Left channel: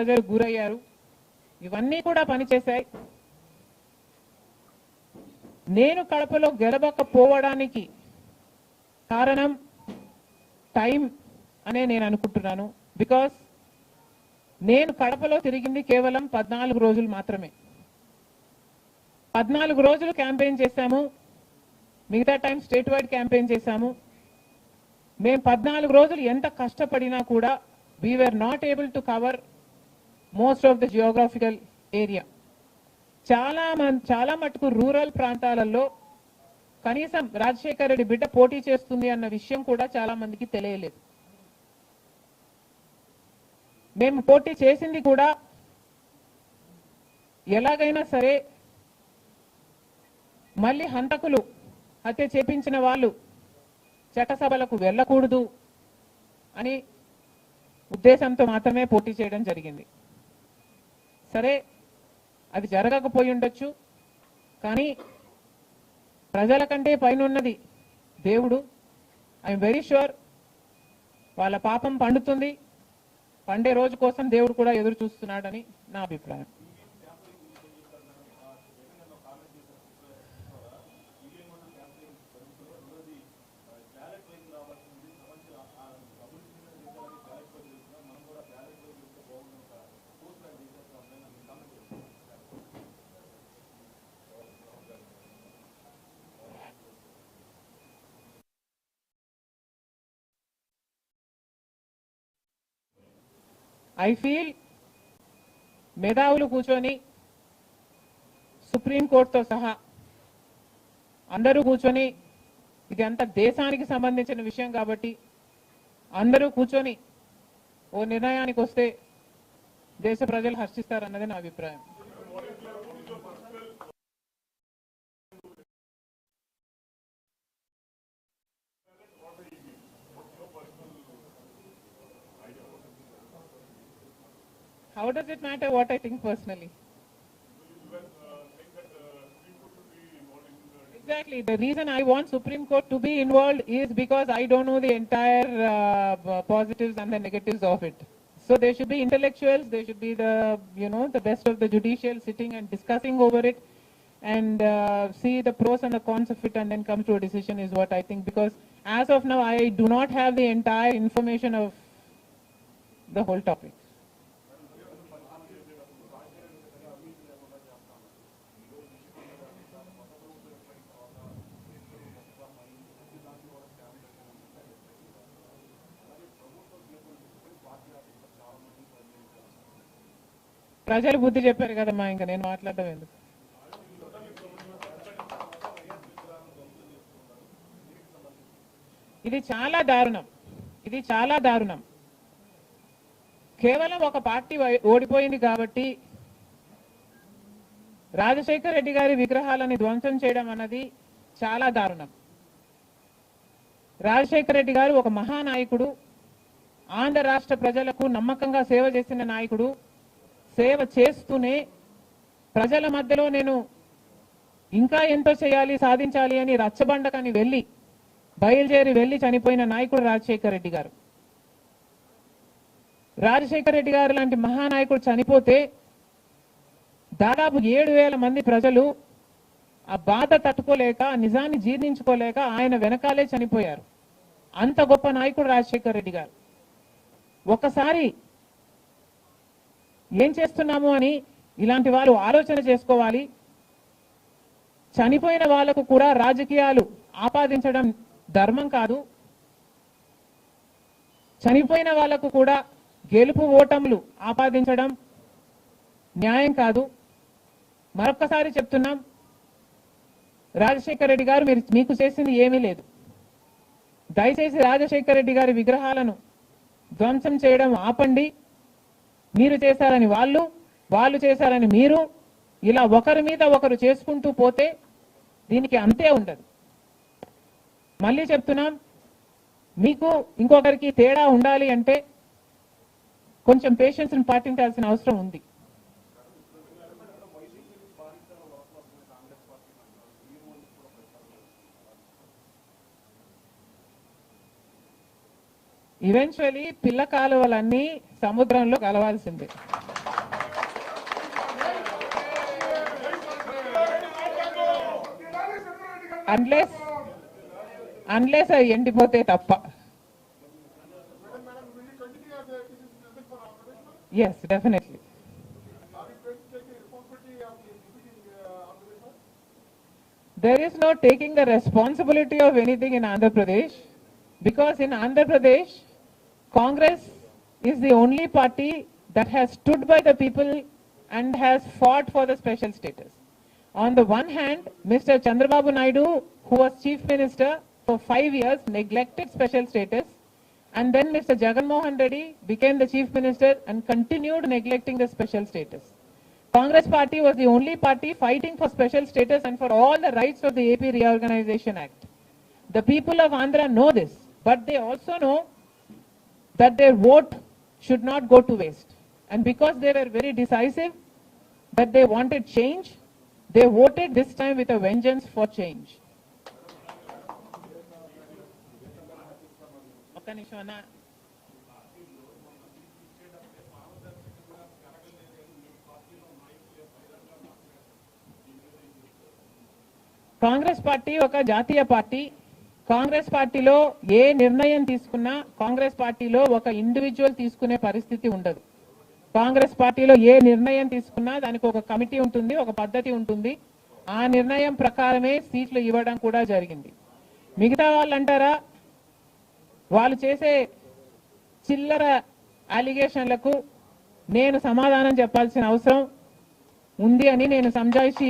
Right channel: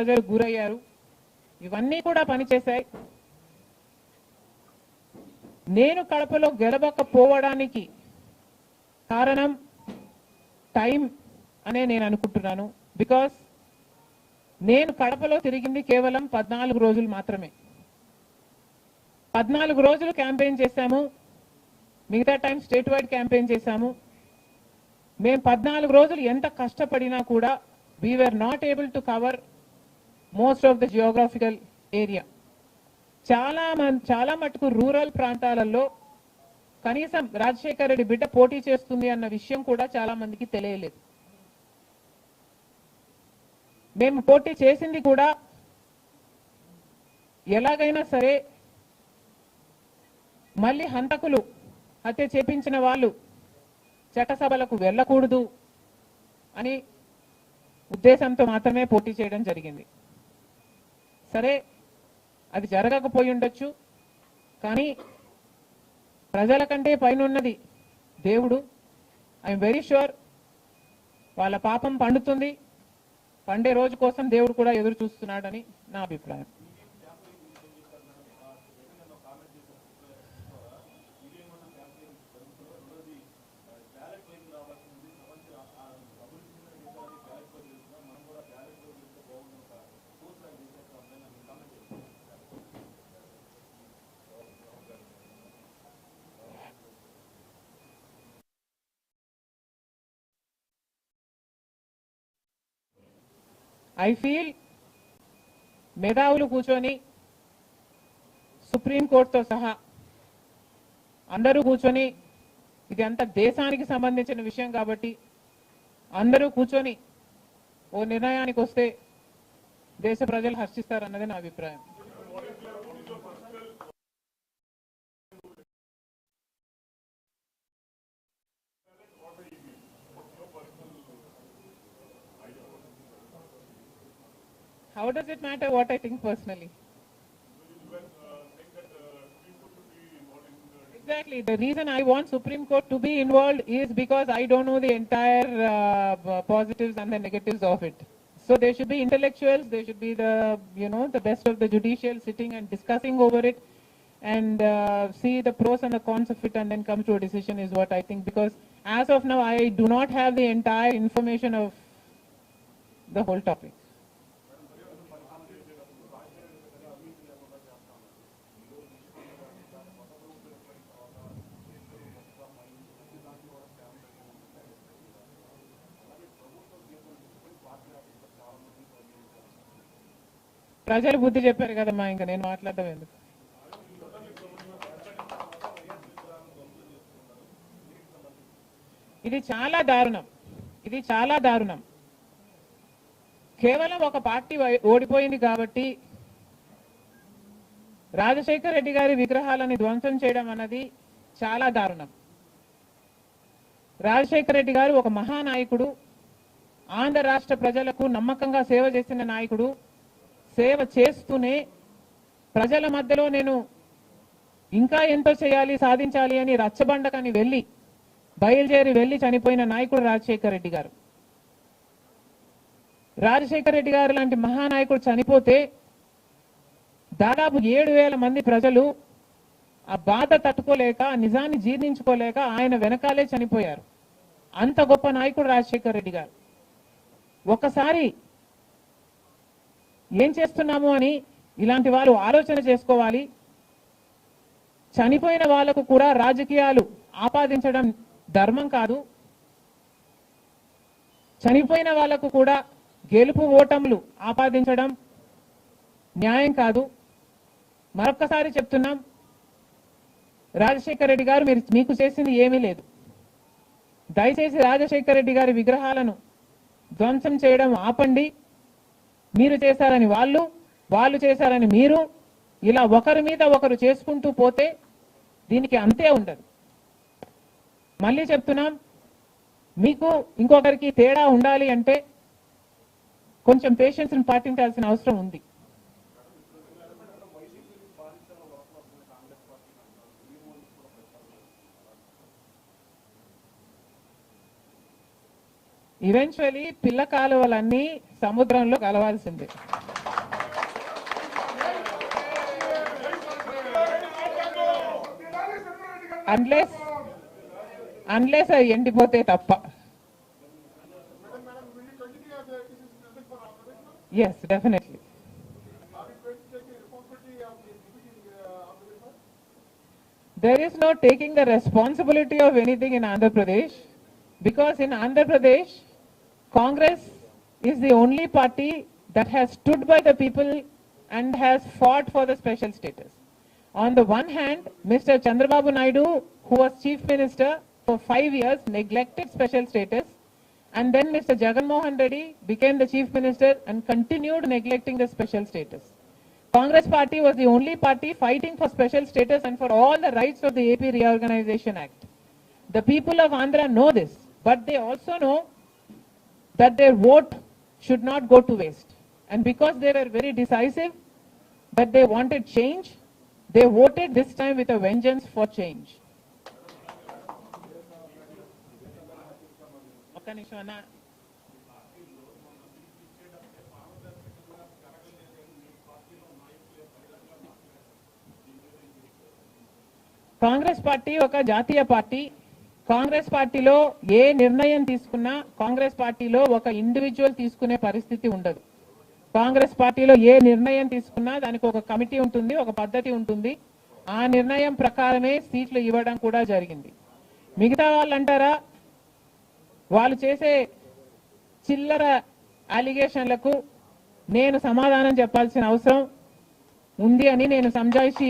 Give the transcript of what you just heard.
ప్రజలు గురయ్యారు. ఇవన్నీ కూడా పనిచేశాయి. నేను కడపలో గెలవకపోవడానికి కారణం టైం అనే నేను అనుకుంటున్నాను. బికాస్ నేను కడపలో తిరిగింది కేవలం 14 రోజులు మాత్రమే. 14 రోజులు క్యాంపెయిన్ చేశాము. మిగతా టైం స్టేట్ వైడ్ క్యాంపెయిన్ చేశాము. మేము 14 రోజులు ఎంత కష్టపడినా కూడా we were not able to cover most of the geographical area. చాలా మటుకు రూరల్ ప్రాంతాలలో కనీసం రాజశేఖర్ రెడ్డి బిడ్డ పోటీ చేస్తుంది అన్న విషయం కూడా చాలా మందికి తెలియలేదు. మేము పోటీ చేసింది కూడా ఎలాగైనా సరే మళ్ళీ హంతకులు హత్య చేపించిన వాళ్ళు చట్టసభలకు వెళ్ళకూడదు అని ఉద్దేశంతో మాత్రమే పోటీ చేయడం జరిగింది. సరే, అది జరగకపోయి ఉండొచ్చు. కానీ ప్రజల కంటే పైన ఉన్నది దేవుడు. ఐఎమ్ వెరీ ష్యూర్ వాళ్ళ పాపం పండుతుంది. పండే రోజు కోసం దేవుడు కూడా ఎదురు చూస్తున్నాడని నా అభిప్రాయం. ఐ ఫీల్ మేధావులు కూర్చొని సుప్రీంకోర్టుతో సహా అందరూ కూర్చొని, ఇది అంత దేశానికి సంబంధించిన విషయం కాబట్టి అందరూ కూర్చొని ఓ నిర్ణయానికి వస్తే దేశ ప్రజలు హర్షిస్తారన్నది నా అభిప్రాయం. How does it matter what I think personally? Exactly. The reason I want Supreme Court to be involved is because I don't know the entire positives and the negatives of it. So there should be intellectuals, there should be the best of the judicial sitting and discussing over it and see the pros and the cons of it and then come to a decision is what I think. Because as of now, I do not have the entire information of the whole topic. ప్రజలు బుద్ధి చెప్పారు కదమ్మా, ఇంకా నేను మాట్లాడటం ఎందుకు. ఇది చాలా దారుణం. కేవలం ఒక పార్టీ ఓడిపోయింది కాబట్టి రాజశేఖర్ రెడ్డి గారి విగ్రహాలను ధ్వంసం చేయడం అన్నది చాలా దారుణం. రాజశేఖర్ రెడ్డి గారు ఒక మహానాయకుడు, ఆంధ్ర రాష్ట్ర ప్రజలకు నమ్మకంగా సేవ చేసిన నాయకుడు. సేవ చేస్తూనే ప్రజల మధ్యలో నేను ఇంకా ఎంతో చేయాలి, సాధించాలి అని రచ్చబండకని బయలుదేరి వెళ్లి చనిపోయిన నాయకుడు రాజశేఖర్ రెడ్డి గారు. రాజశేఖర్ రెడ్డి గారు లాంటి మహానాయకుడు చనిపోతే దాదాపు 7,000 మంది ప్రజలు ఆ బాధ తట్టుకోలేక, నిజాన్ని జీర్ణించుకోలేక ఆయన వెనకాలే చనిపోయారు. అంత గొప్ప నాయకుడు రాజశేఖర్ రెడ్డి గారు. ఒకసారి ఏం చేస్తున్నాము అని ఇలాంటి వారు ఆలోచన చేసుకోవాలి. చనిపోయిన వాళ్లకు కూడా రాజకీయాలు ఆపాదించడం ధర్మం కాదు. చనిపోయిన వాళ్లకు కూడా గెలుపు ఓటములు ఆపాదించడం న్యాయం కాదు. మరొక్కసారి చెప్తున్నాం, రాజశేఖర్ రెడ్డి గారు మీకు చేసింది ఏమీ లేదు. దయచేసి రాజశేఖర్ రెడ్డి గారి విగ్రహాలను ధ్వంసం చేయడం ఆపండి. మీరు చేశారని వాళ్ళు చేశారని మీరు, ఇలా ఒకరి మీద ఒకరు చేసుకుంటూ పోతే దీనికి అంతే ఉండదు. మళ్ళీ చెప్తున్నాం, మీకు ఇంకొకరికి తేడా ఉండాలి అంటే కొంచెం పేషెన్స్ పాటించాల్సిన అవసరం ఉంది. ఈవెన్చువల్లీ పిల్ల కాలువలన్నీ సముద్రంలో కలవాల్సిందే. అన్లెస్ అది ఎండిపోతే తప్ప. Yes, definitely. There is no taking the responsibility of anything in Andhra Pradesh, because in Andhra Pradesh, Congress is the only party that has stood by the people and has fought for the special status. On the one hand, Mr. Chandrababu Naidu, who was Chief Minister for 5 years, neglected special status, and then Mr. Jagan Mohan Reddy became the Chief Minister and continued neglecting the special status. Congress party was the only party fighting for special status and for all the rights of the AP Reorganization Act. The people of Andhra know this, but they also know that their vote should not go to waste. And because they were very decisive, that they wanted change, they voted this time with a vengeance for change. Congress party ఒక జాతీయ party. Congress పార్టీలో ఏ నిర్ణయం తీసుకున్నా కాంగ్రెస్ పార్టీలో ఒక individual తీసుకునే పరిస్థితి ఉండదు. కాంగ్రెస్ పార్టీలో ఏ నిర్ణయం తీసుకున్నా దానికి ఒక కమిటీ ఉంటుంది, ఒక పద్ధతి ఉంటుంది. ఆ నిర్ణయం ప్రకారమే సీట్లు ఇవ్వడం కూడా జరిగింది. మిగతా వాళ్ళు అంటారా, వాళ్ళు చేసే చిల్లర అలిగేషన్లకు నేను సమాధానం చెప్పాల్సిన అవసరం ఉంది అని నేను సంజాయిషి